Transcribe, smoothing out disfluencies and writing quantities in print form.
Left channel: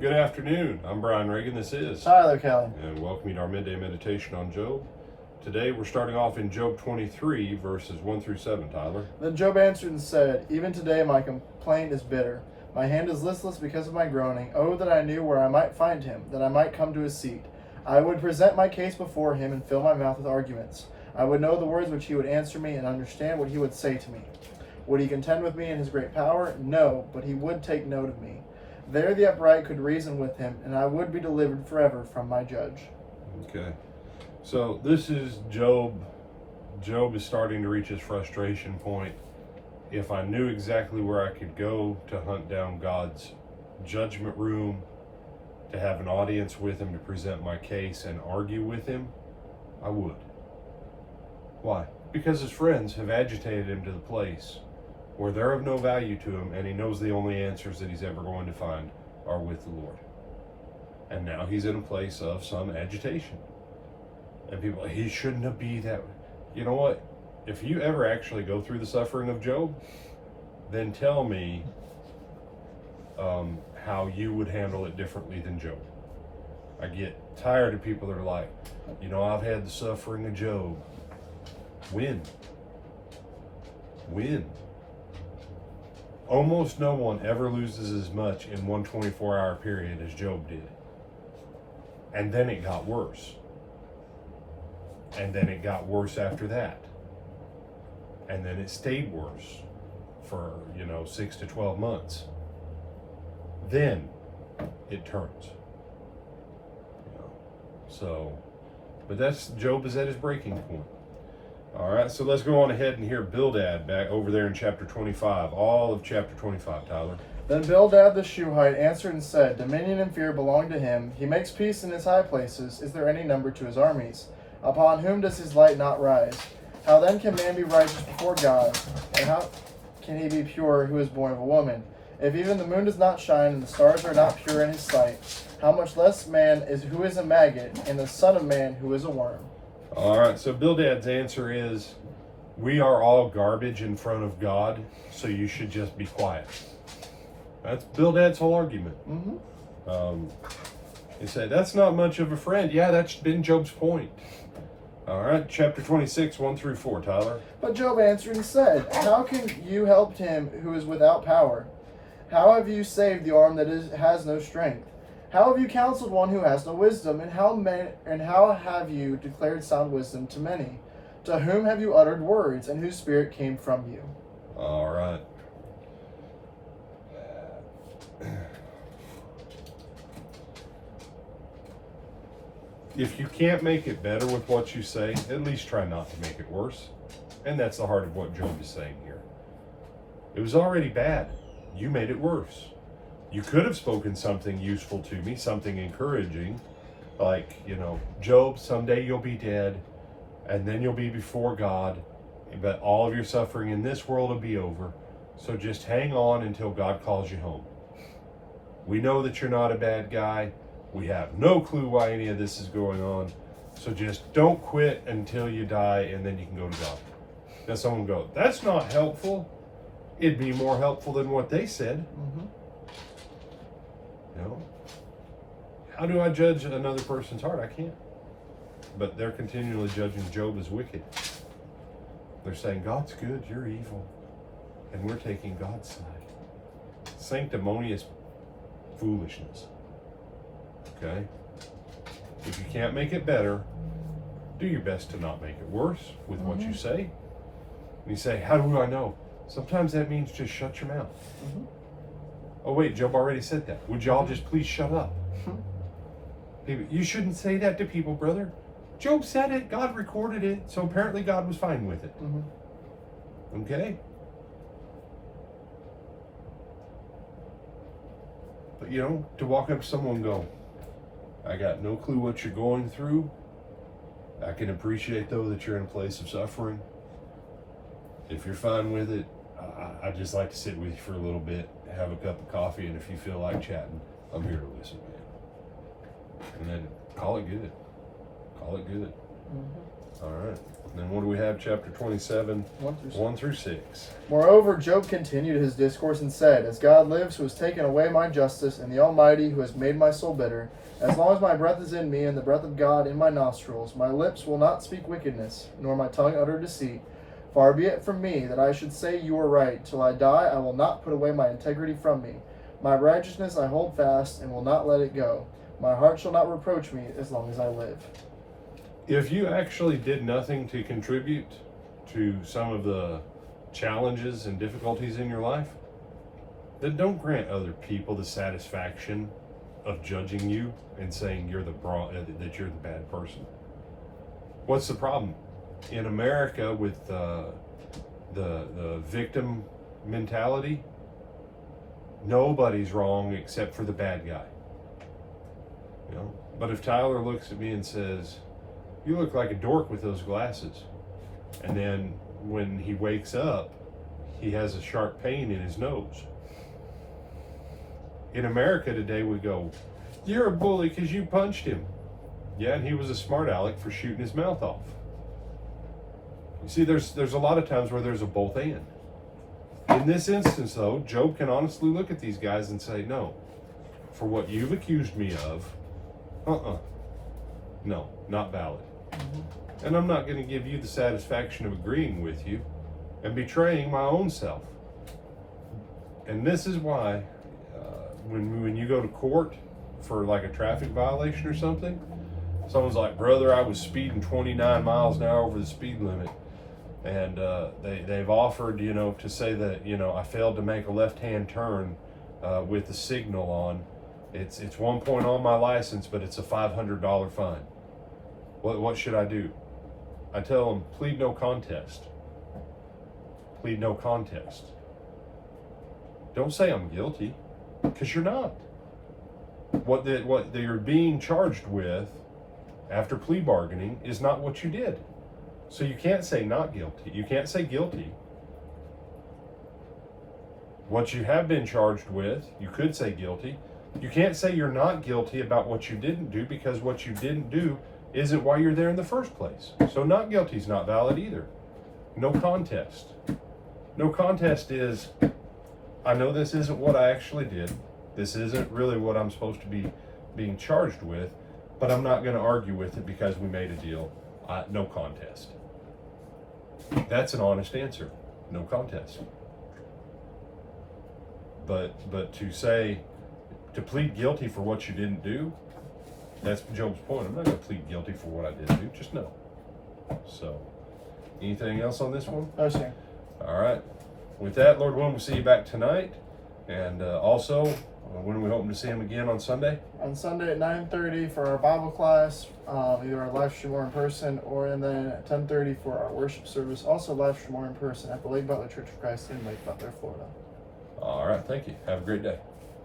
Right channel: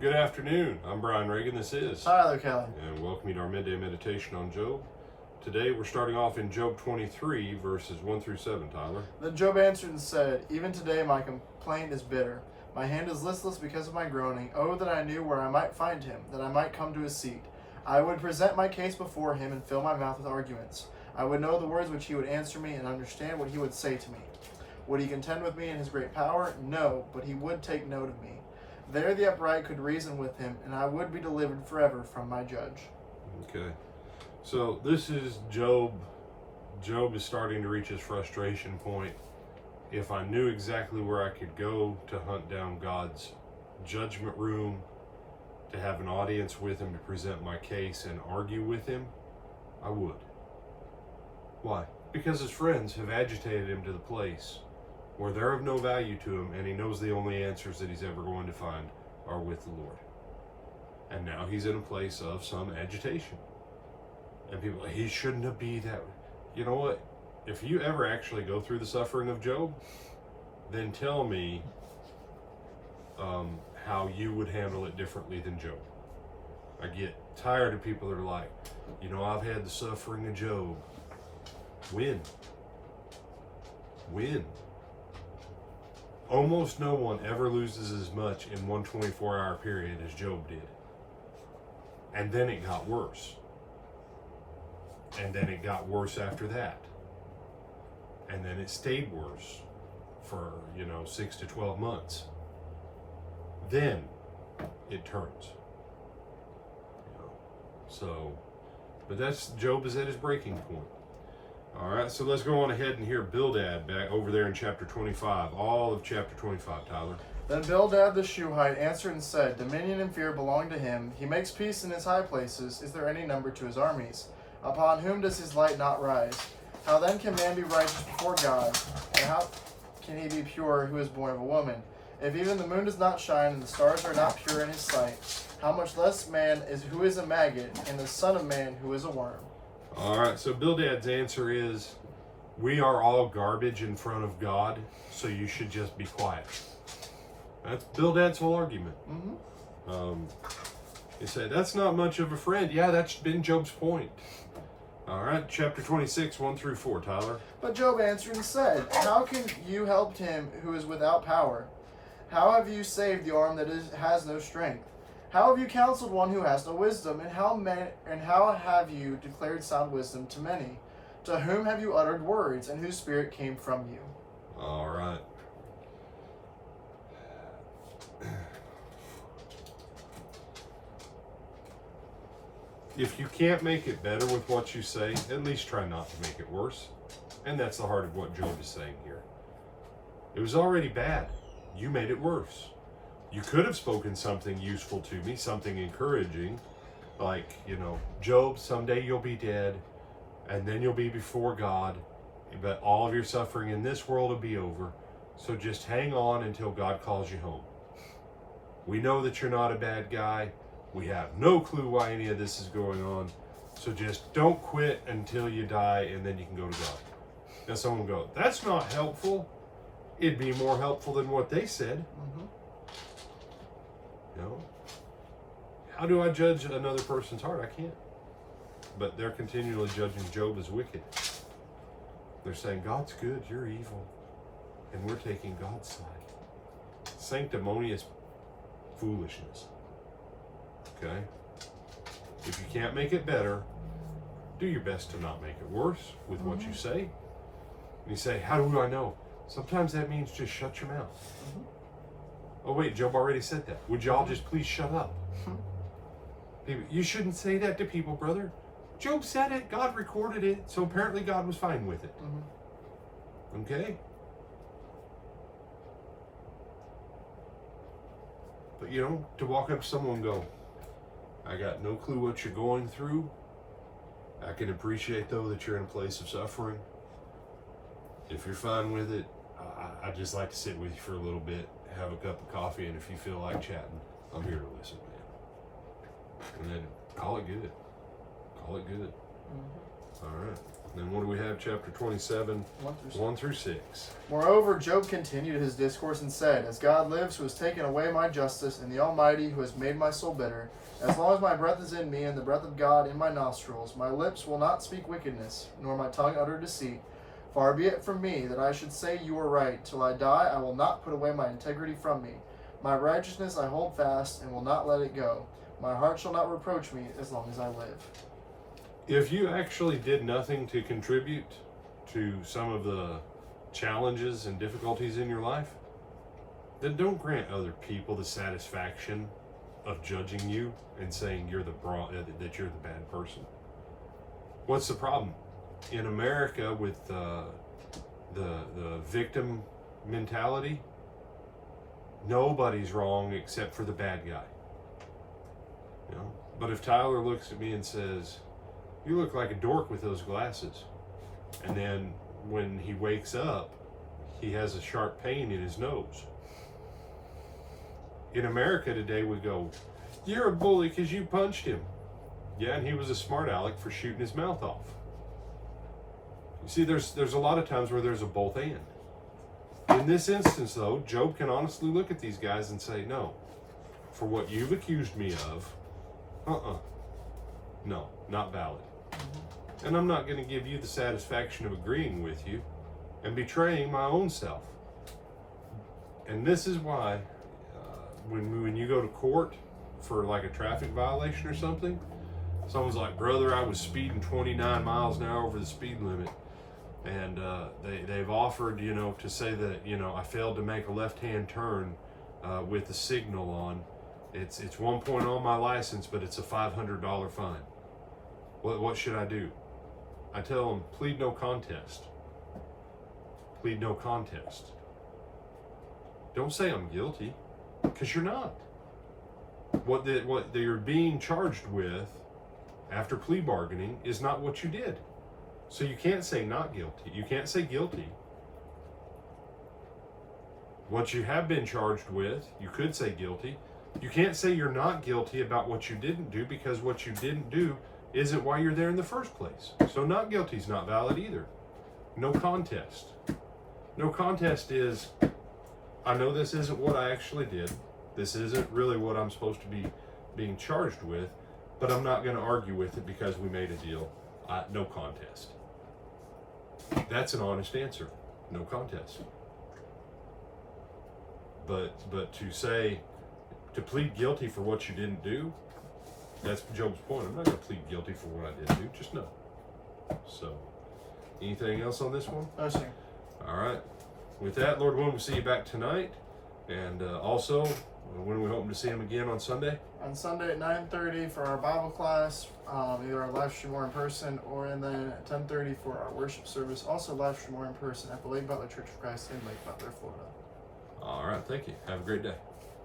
Good afternoon. I'm Brian Reagan. This is Tyler Kelly. and welcome you to our midday meditation on Job. Today we're starting off in Job 23, verses 1 through 7, Tyler. Then Job answered and said, Even today my complaint is bitter. My hand is listless because of my groaning. Oh, that I knew where I might find him, that I might come to his seat. I would present my case before him and fill my mouth with arguments. I would know the words which he would answer me and understand what he would say to me. Would he contend with me in his great power? No, but he would take note of me. There the upright could reason with him, and I would be delivered forever from my judge. Okay. So this is Job. Job is starting to reach his frustration point. If I knew exactly where I could go to hunt down God's judgment room, to have an audience with him, to present my case and argue with him, I would. Why? Because his friends have agitated him to the place where they're of no value to him, and he knows the only answers that he's ever going to find are with the Lord. And now he's in a place of some agitation. And people, he shouldn't have been that. You know what? If you ever actually go through the suffering of Job, then tell me how you would handle it differently than Job. I get tired of people that are like, I've had the suffering of Job. When? Almost no one ever loses as much in one 24-hour period as Job did. And then it got worse. And then it got worse after that. And then it stayed worse for, 6 to 12 months. Then it turns. But Job is at his breaking point. All right, so let's go on ahead and hear Bildad back over there in chapter 25, all of chapter 25, Tyler. Then Bildad the Shuhite answered and said, Dominion and fear belong to him. He makes peace in his high places. Is there any number to his armies? Upon whom does his light not rise? How then can man be righteous before God? And how can he be pure who is born of a woman? If even the moon does not shine and the stars are not pure in his sight, how much less man is who is a maggot, and the son of man who is a worm? All right, so Bildad's answer is, we are all garbage in front of God, so you should just be quiet. That's Bildad's whole argument. He said, that's not much of a friend. Yeah, that's been Job's point. All right, chapter 26, 1 through 4, Tyler. But Job answered and said, How can you help him who is without power? How have you saved the arm that has no strength? How have you counseled one who has no wisdom? And how have you declared sound wisdom to many? To whom have you uttered words, and whose spirit came from you? All right. If you can't make it better with what you say, at least try not to make it worse. And that's the heart of what Job is saying here. It was already bad. You made it worse. You could have spoken something useful to me, something encouraging, like, Job, someday you'll be dead, and then you'll be before God, but all of your suffering in this world will be over, so just hang on until God calls you home. We know that you're not a bad guy. We have no clue why any of this is going on, so just don't quit until you die, and then you can go to God. Now someone will go, that's not helpful. It'd be more helpful than what they said. How do I judge another person's heart? I can't. But they're continually judging Job as wicked. They're saying, God's good, you're evil. And we're taking God's side. Sanctimonious foolishness. Okay? If you can't make it better, do your best to not make it worse with what you say. And you say, how do I know? Sometimes that means just shut your mouth. Oh wait, Job already said that. Would y'all just please shut up? People, you shouldn't say that to people, brother. Job said it. God recorded it. So apparently God was fine with it. Okay? But to walk up to someone and go, I got no clue what you're going through. I can appreciate, though, that you're in a place of suffering. If you're fine with it, I'd just like to sit with you for a little bit, have a cup of coffee, and if you feel like chatting, I'm here to listen, man. And then call it good. Call it good. All right. Then what do we have? Chapter 27, 1 through 6. Moreover, Job continued his discourse and said, As God lives, who has taken away my justice, and the Almighty, who has made my soul bitter, as long as my breath is in me, and the breath of God in my nostrils, my lips will not speak wickedness, nor my tongue utter deceit. Far be it from me that I should say you are right. Till I die, I will not put away my integrity from me. My righteousness I hold fast, and will not let it go. My heart shall not reproach me as long as I live. If you actually did nothing to contribute to some of the challenges and difficulties in your life, then don't grant other people the satisfaction of judging you and saying that you're the bad person. What's the problem? In America, with the victim mentality, nobody's wrong except for the bad guy. You know? But if Tyler looks at me and says, "You look like a dork with those glasses," and then when he wakes up, he has a sharp pain in his nose. In America today, we go, "You're a bully because you punched him." Yeah, and he was a smart aleck for shooting his mouth off. You see, there's a lot of times where there's a both and. In this instance, though, Job can honestly look at these guys and say, no, for what you've accused me of, no, not valid. And I'm not going to give you the satisfaction of agreeing with you and betraying my own self. And this is why when you go to court for like a traffic violation or something, someone's like, "Brother, I was speeding 29 miles an hour over the speed limit." And they've offered, to say that, I failed to make a left-hand turn with the signal on. It's 1 point on my license, but it's a $500 fine. What should I do? I tell them, plead no contest. Plead no contest. Don't say I'm guilty, because you're not. What you're being charged with after plea bargaining is not what you did. So you can't say not guilty. You can't say guilty. What you have been charged with, you could say guilty. You can't say you're not guilty about what you didn't do, because what you didn't do isn't why you're there in the first place. So not guilty is not valid either. No contest. No contest is, I know this isn't what I actually did. This isn't really what I'm supposed to be being charged with, but I'm not going to argue with it because we made a deal. No contest. That's an honest answer. No contest. But to plead guilty for what you didn't do, that's Job's point. I'm not going to plead guilty for what I didn't do. Just no. So, anything else on this one? No, sir. All right. With that, Lord willing, we'll see you back tonight. And also, when are we hoping to see him again on Sunday? On Sunday at 9:30 for our Bible class, either our live stream or in person, and then at 10:30 for our worship service, also live stream or in person at the Lake Butler Church of Christ in Lake Butler, Florida. All right. Thank you. Have a great day.